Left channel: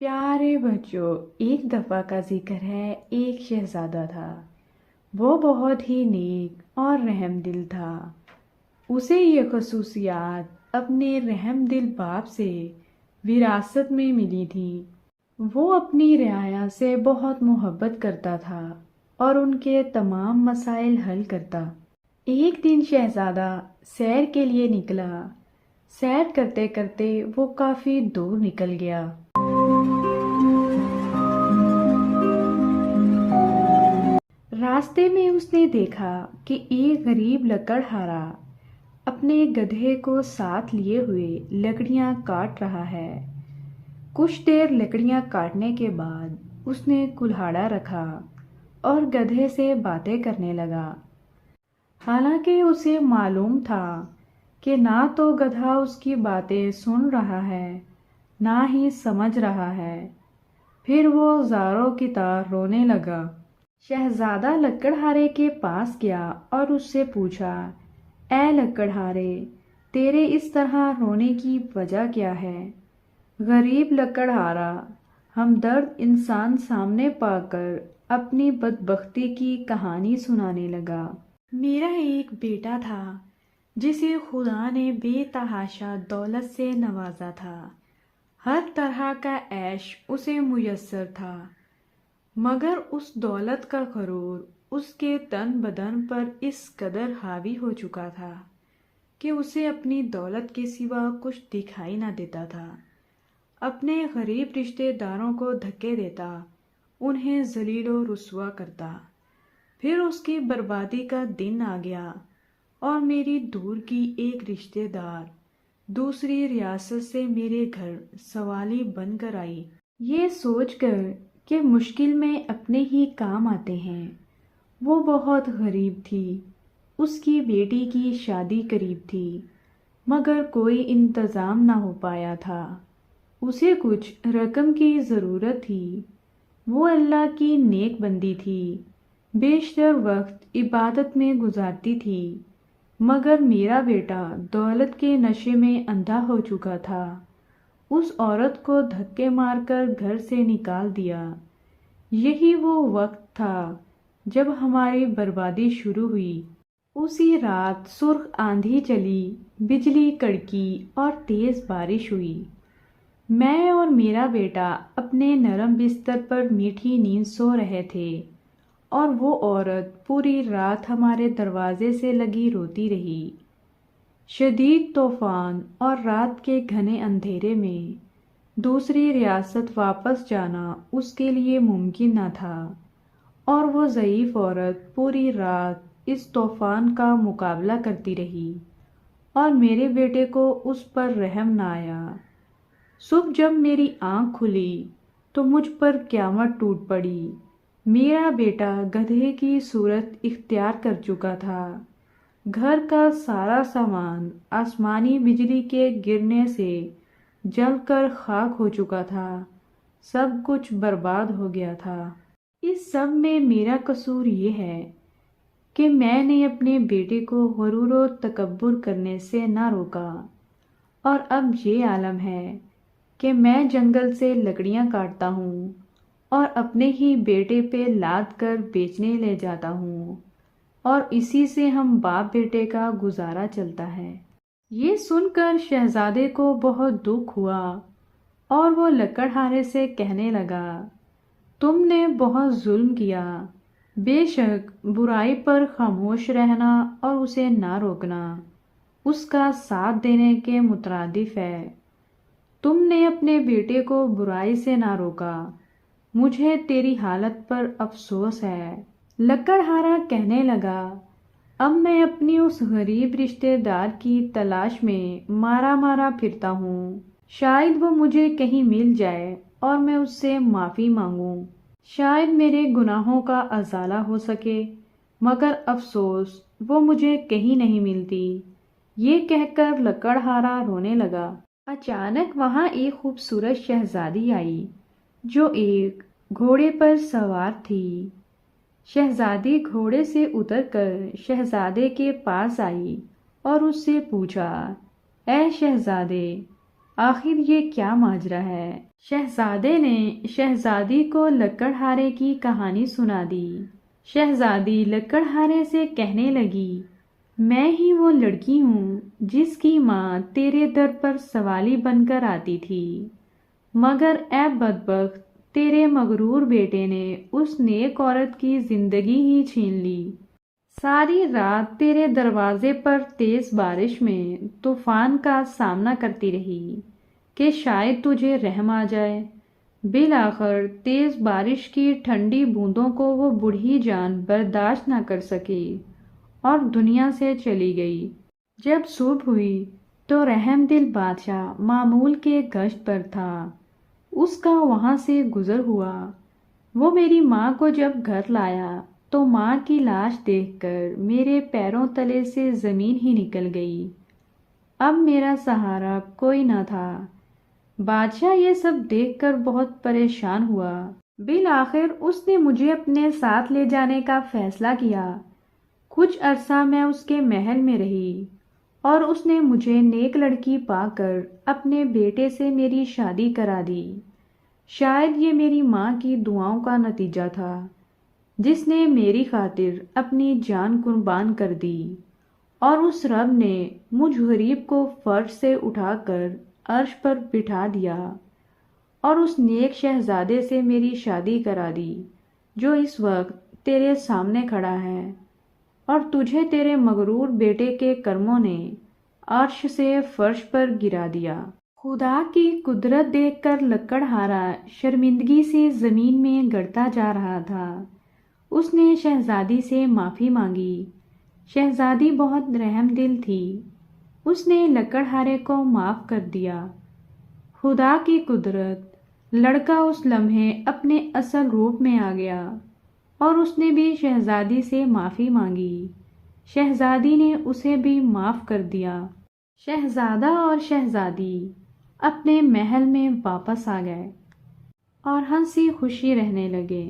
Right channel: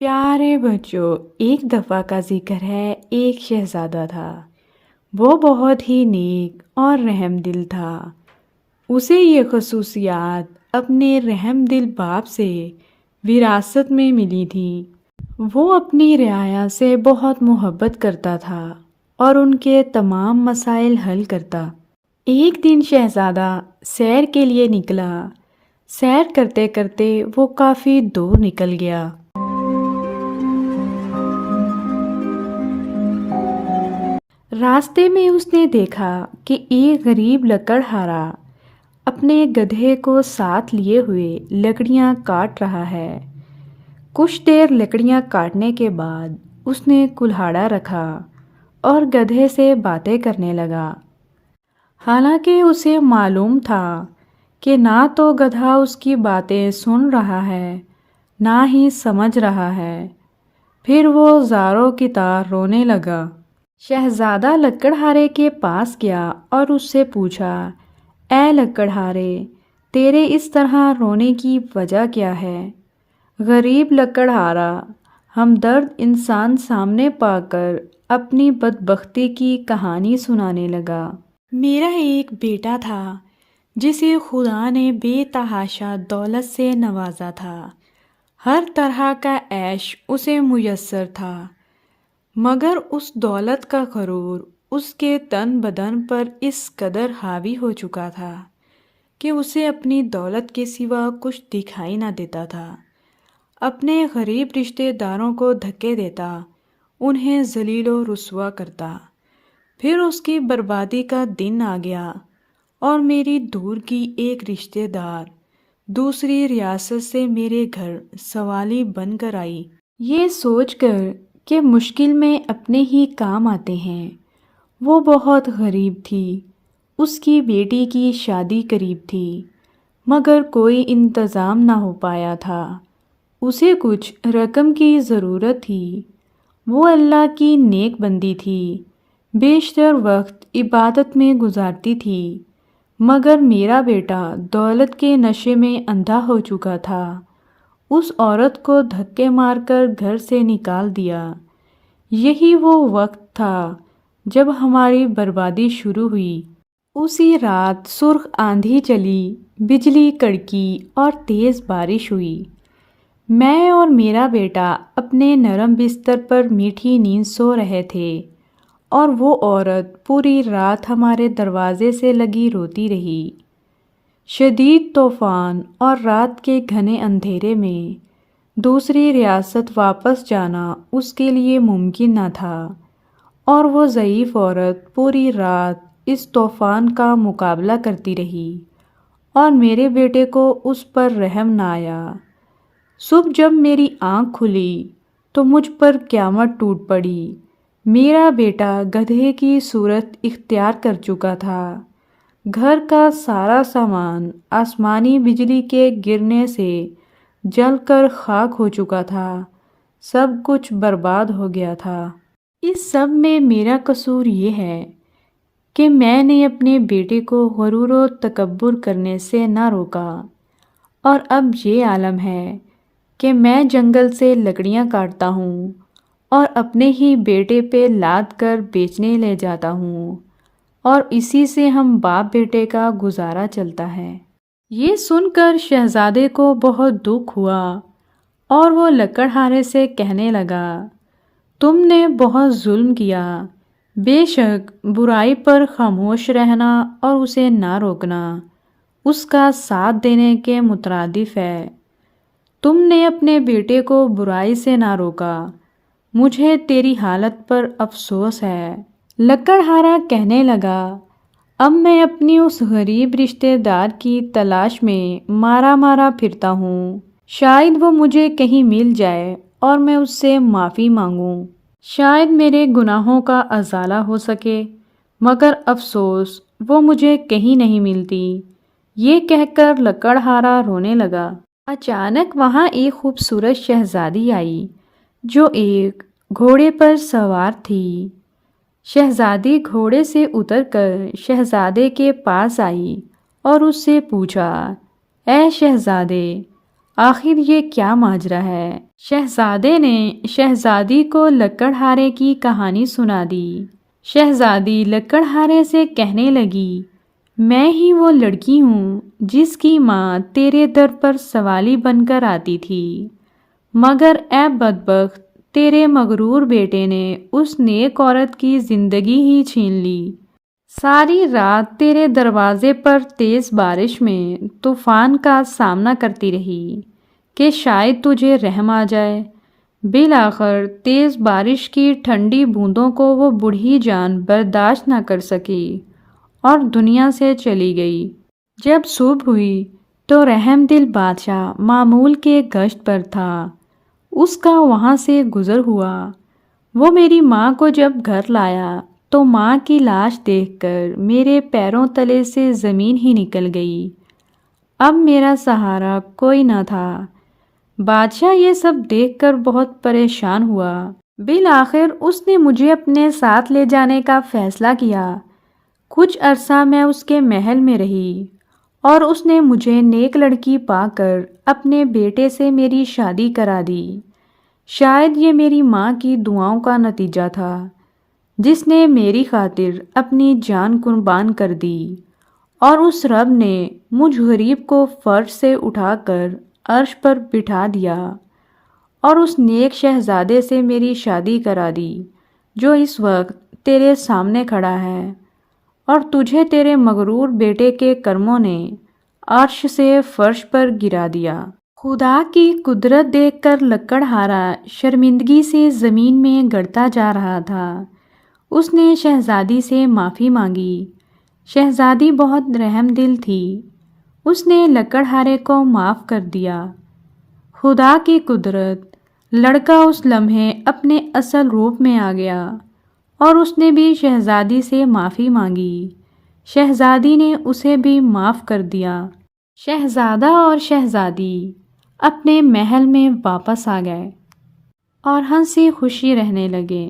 پیارے بچوں، ایک دفعہ کا ذکر ہے، ایک شہزادہ تھا۔ وہ بہت ہی نیک اور رحم دل تھا۔ اسے یہ خصوصیات اپنے رحم دل باپ سے وراثت میں ملی تھی۔ وہ اپنی رعایا سے بہت محبت کرتا تھا اور ان کے تمام مسائل حل کرتا۔ ایک دن شہزادہ سیر کے لیے نکلا۔ سیر کرتے کرتے وہ کافی دور نکل گیا۔ راستے میں اس نے دیکھا کہ ایک غریب لکڑہارا اپنے گدھے کو ساتھ لیے ہوئے لکڑیاں کاٹ رہا ہے۔ کچھ دیر لکڑیاں کاٹنے کے بعد اس نے کلہاڑا رکھا اور گدھے سے باتیں کرنے لگا۔ حالانکہ اسے معلوم تھا کہ نہ تو گدھا اس کی باتیں سن رہا ہے نہ ہی سمجھ رہا ہے۔ پھر وہ زاروں کی طرح رونے لگا۔ شہزادہ لکڑہارے کے پاس گیا اور اس سے پوچھا، اے لکڑہارے، تیرے اس طرح رونے کی وجہ کیا ہے؟ غریب لکڑہارا ہمدرد انسان سامنے پا کر اپنی بدبختی کی کہانی سنانے لگا۔ میرا ایک بیٹا تھا جسے خدا نے بے تحاشا دولت سے نوازا تھا۔ ہر طرح کا عیش اسے میسر تھا، مگر اس دولت کا غرور اس کے تن بدن پر اس قدر حاوی ہو چکا تھا کہ اسے اپنی دولت کے سوا کچھ دکھائی نہ دیتا تھا۔ اپنے غریب رشتہ داروں کو دھکے دیتا، انہیں ذلیل و رسوا کرتا۔ پھر اس کی بربادی کا دن آ گیا اور میری دور کی ایک رشتہ دار دوسری ریاست سے میرے گھر سوالی بن کر آئی۔ یہ سوچ کر کہ مشکل میں اپنے ہی کام آتے ہیں، وہ بہت غریب تھی۔ اس کی بیٹی کی شادی قریب تھی، مگر کوئی انتظام نہ ہو پایا تھا۔ اسے کچھ رقم کی ضرورت تھی۔ وہ اللہ کی نیک بندی تھی، بیشتر وقت عبادت میں گزارتی تھی، مگر میرا بیٹا دولت کے نشے میں اندھا ہو چکا تھا۔ اس عورت کو دھکے مار کر گھر سے نکال دیا۔ یہی وہ وقت تھا جب ہماری بربادی شروع ہوئی۔ اسی رات سرخ آندھی چلی، بجلی کڑکی اور تیز بارش ہوئی۔ میں اور میرا بیٹا اپنے نرم بستر پر میٹھی نیند سو رہے تھے اور وہ عورت پوری رات ہمارے دروازے سے لگی روتی رہی۔ شدید طوفان اور رات کے گھنے اندھیرے میں دوسری ریاست واپس جانا اس کے لیے ممکن نہ تھا، اور وہ ضعیف عورت پوری رات اس طوفان کا مقابلہ کرتی رہی اور میرے بیٹے کو اس پر رحم نہ آیا۔ صبح جب میری آنکھ کھلی تو مجھ پر قیامت ٹوٹ پڑی۔ میرا بیٹا گدھے کی صورت اختیار کر چکا تھا۔ گھر کا سارا سامان آسمانی بجلی کے گرنے سے جل کر خاک ہو چکا تھا۔ سب کچھ برباد ہو گیا تھا۔ اس سب میں میرا قصور یہ ہے کہ میں نے اپنے بیٹے کو غرور و تکبر کرنے سے نہ روکا، اور اب یہ عالم ہے کہ میں جنگل سے لکڑیاں کاٹتا ہوں اور اپنے ہی بیٹے پہ لاد کر بیچنے لے جاتا ہوں، اور اسی سے ہم باپ بیٹے کا گزارا چلتا ہے۔ یہ سن کر شہزادے کو بہت دکھ ہوا اور وہ لکڑہارے سے کہنے لگا، تم نے بہت ظلم کیا۔ بے شک برائی پر خاموش رہنا اور اسے نہ روکنا اس کا ساتھ دینے کے مترادف ہے۔ تم نے اپنے بیٹے کو برائی سے نہ روکا، مجھے تیری حالت پر افسوس ہے۔ لکڑہارا کہنے لگا، اب میں اپنی اس غریب رشتہ دار کی تلاش میں مارا مارا پھرتا ہوں۔ شاید وہ مجھے کہیں مل جائے اور میں اس سے معافی مانگوں۔ شاید میرے گناہوں کا ازالہ ہو سکے، مگر افسوس وہ مجھے کہیں نہیں ملتی۔ یہ کہہ کر لکڑہارا رونے لگا۔ اچانک وہاں ایک خوبصورت شہزادی آئی جو ایک گھوڑے پر سوار تھی۔ شہزادی گھوڑے سے اتر کر شہزادے کے پاس آئی اور اس سے پوچھا، اے شہزادے، آخر یہ کیا ماجرا ہے؟ شہزادے نے شہزادی کو لکڑہارے کی کہانی سنا دی۔ شہزادی لکڑہارے سے کہنے لگی، میں ہی وہ لڑکی ہوں جس کی ماں تیرے در پر سوالی بن کر آتی تھی، مگر اے بدبخت، تیرے مغرور بیٹے نے اس نیک عورت کی زندگی ہی چھین لی۔ ساری رات تیرے دروازے پر تیز بارش میں طوفان کا سامنا کرتی رہی کہ شاید تجھے رحم آ جائے۔ بالآخر تیز بارش کی ٹھنڈی بوندوں کو وہ بوڑھی جان برداشت نہ کر سکی اور دنیا سے چلی گئی۔ جب صبح ہوئی تو رحم دل بادشاہ معمول کے گشت پر تھا۔ اس کا وہاں سے گزر ہوا۔ وہ میری ماں کو جب گھر لایا تو ماں کی لاش دیکھ کر میرے پیروں تلے سے زمین ہی نکل گئی۔ اب میرا سہارا کوئی نہ تھا۔ بادشاہ یہ سب دیکھ کر بہت پریشان ہوا۔ بالآخر اس نے مجھے اپنے ساتھ لے جانے کا فیصلہ کیا۔ کچھ عرصہ میں اس کے محل میں رہی اور اس نے مجھے نیک لڑکی پا کر اپنے بیٹے سے میری شادی کرا دی۔ شاید یہ میری ماں کی دعاؤں کا نتیجہ تھا، جس نے میری خاطر اپنی جان قربان کر دی، اور اس رب نے مجھ غریب کو فرش سے اٹھا کر عرش پر بٹھا دیا اور اس نیک شہزادے سے میری شادی کرا دی جو اس وقت تیرے سامنے کھڑا ہے، اور تجھے تیرے مغرور بیٹے کے کرموں نے عرش سے فرش پر گرا دیا۔ خدا کی قدرت دیکھ کر لکڑہارا شرمندگی سے زمین میں گڑتا جا رہا تھا۔ اس نے شہزادی سے معافی مانگی۔ شہزادی بہت رحم دل تھی۔ اس نے لکڑہارے کو معاف کر دیا۔ خدا کی قدرت، لڑکا اس لمحے اپنے اصل روپ میں آ گیا اور اس نے بھی شہزادی سے معافی مانگی۔ شہزادی نے اسے بھی معاف کر دیا۔ شہزادہ اور شہزادی اپنے محل میں واپس آ گئے اور ہنسی خوشی رہنے لگے۔